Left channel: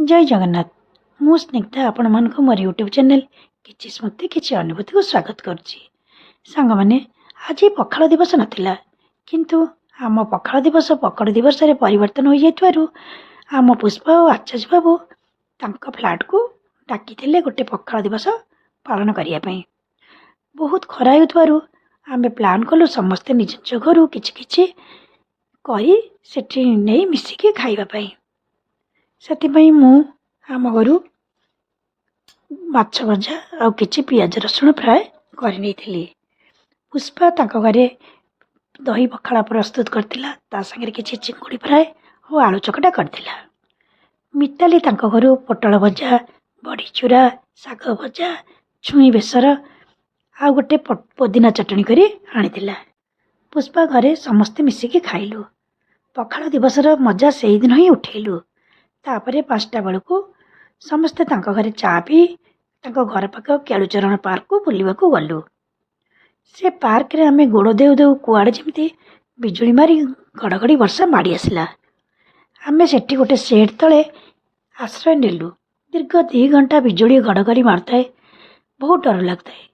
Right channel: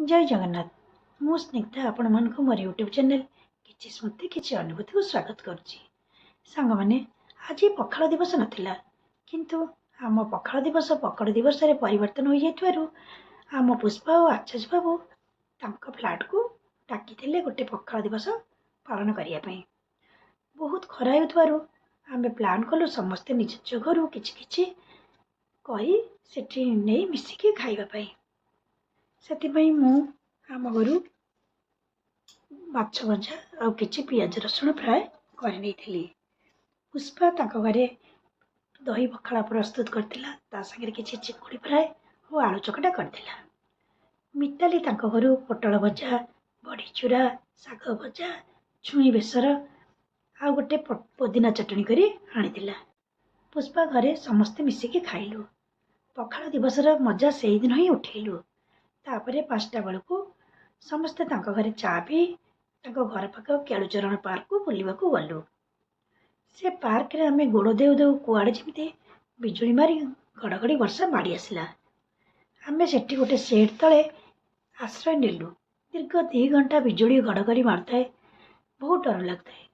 जय जगन्नाथ। मु स्निग्धा आपण मानक मोर यूट्यूब चैनल किछि स्मृति किछि अनुभूति को स्वागत करुच्ची। सांग माने आज पखाल दिवस नथिला, किंतु आम पखाल दिवस पकड़ दिवस रे परिवर्तन हो जाइतवारु आम पुष्पा और आचार्य बाबू तांका फ्लाट को डाकिथिले गोटे पखाल दिवस पालन करिया पई। बहुत खरा होतवारु आमे प्लान कलु समस्ते निज निज घरु किछि किछि करी सेठी नै मिसिके खाइबा पई। ସେଥିପାଇଁ ମୁଁ ଆମ ଘରୁ ମାଛ ଭଜା ଆଉ କିଛି ପିଆଜ ରସୁଣ ଫ୍ରାଏ କରିନେଇଥିଲି। ପୁଷ୍ପା ତାଙ୍କ ଘରେ ଦହି ପଖାଳ ପ୍ରସ୍ତୁତ କରିଥିଲା, ତା ସାଙ୍ଗରେ କିଛି ଚିଙ୍ଗୁଡ଼ି ଫ୍ରାଏ ଓ ଆଳୁ ଚକଟା କରିଥିଲା। ମିତାଲି ତାଙ୍କ ଘରୁ ପୋଟଳ ଭଜା, ବଡ଼ି ଚୁରା, ଶାଗ ଭଜା, ଛୁଇଁ ବେସର ଆଉ ଗୋଟେ ପୋଦିନା ଚଟଣି କରି ଆଣିଥିଲା। ପୁଷ୍ପା ଘରେ ସମସ୍ତେ ମିଶିକି ଖାଇଲୁ। ପଖାଳ ଦିବସର ମଜା ସେଇଦିନ ହିଁ ଉଠେଇଲୁ। तापरे 5टा बेलू समस्ते घरे चा पी घर पाख केलुचरण पार्क को बुलवाक गलु। से पार्क रे आमे गोड़ देउ देउ कुआड़े जमी बिजुली मारी घड़घड़ी वर्षा माड़ी आसला। आमे सेठी गोटे सेड तले आश्रय नेलु। दीर्घ 2 घंटा बिजुली घड़घड़ी मारताए, बहुत डर लगता है,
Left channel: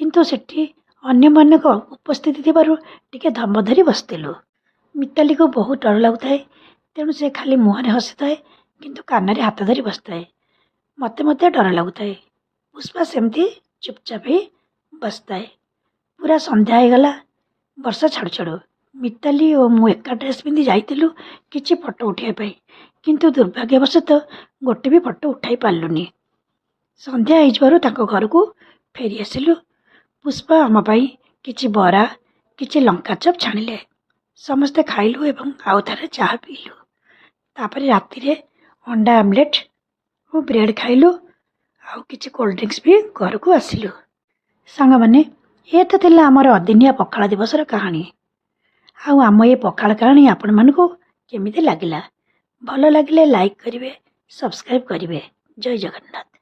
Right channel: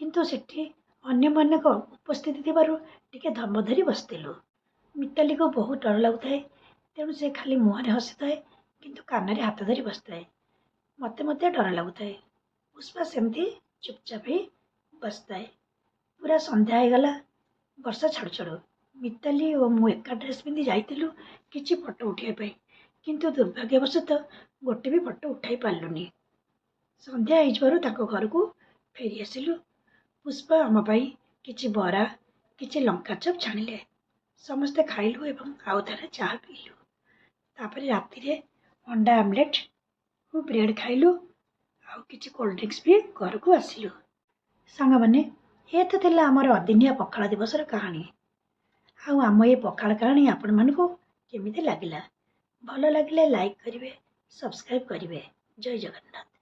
किंतु सेठी अन्य मानक उपस्थिति थिबारु टिके धम धरी बसतेलु। मिताली को बहुत डर लगता है, तेणु से खाली मुहरे हसी किंतु कान हाथ धरी बसताए। मते मते डर लगुता है। पुष्पा सेमती चुपचाप ही बसताए। पूरा संध्या हो गला। वर्षा छाड़ू छाड़ू मिताली और मु एका ड्रेस पिंधि जाइतिलु किछि फोटो उठाइबा पई, किंतु दुर्भाग्यवशतः गोटे भी फोटो उठाई पारलुनी। संध्या होइजबारु ताको घर को फेरी आसिलु। पुष्पा आम पई किछि बरा किछि लंका चप छाणिले। समस्ते खाइलु एवं आउ थारे चाह पीलु। तापरे राति रे अंडा आमलेट और ब्रेड खाइलु। आउ किछि कोल्ड ड्रिंक्स भी घर को आसिलु। सांग माने ये तो थिला हमर अदिनिया पखाल दिवस कहानी। आउ आम ये पखाल कहानी आपण मानकु केमिति लागिला? भल लागिले लाइक करिवे, सब्सक्राइब करिवे। जय जगन्नाथ।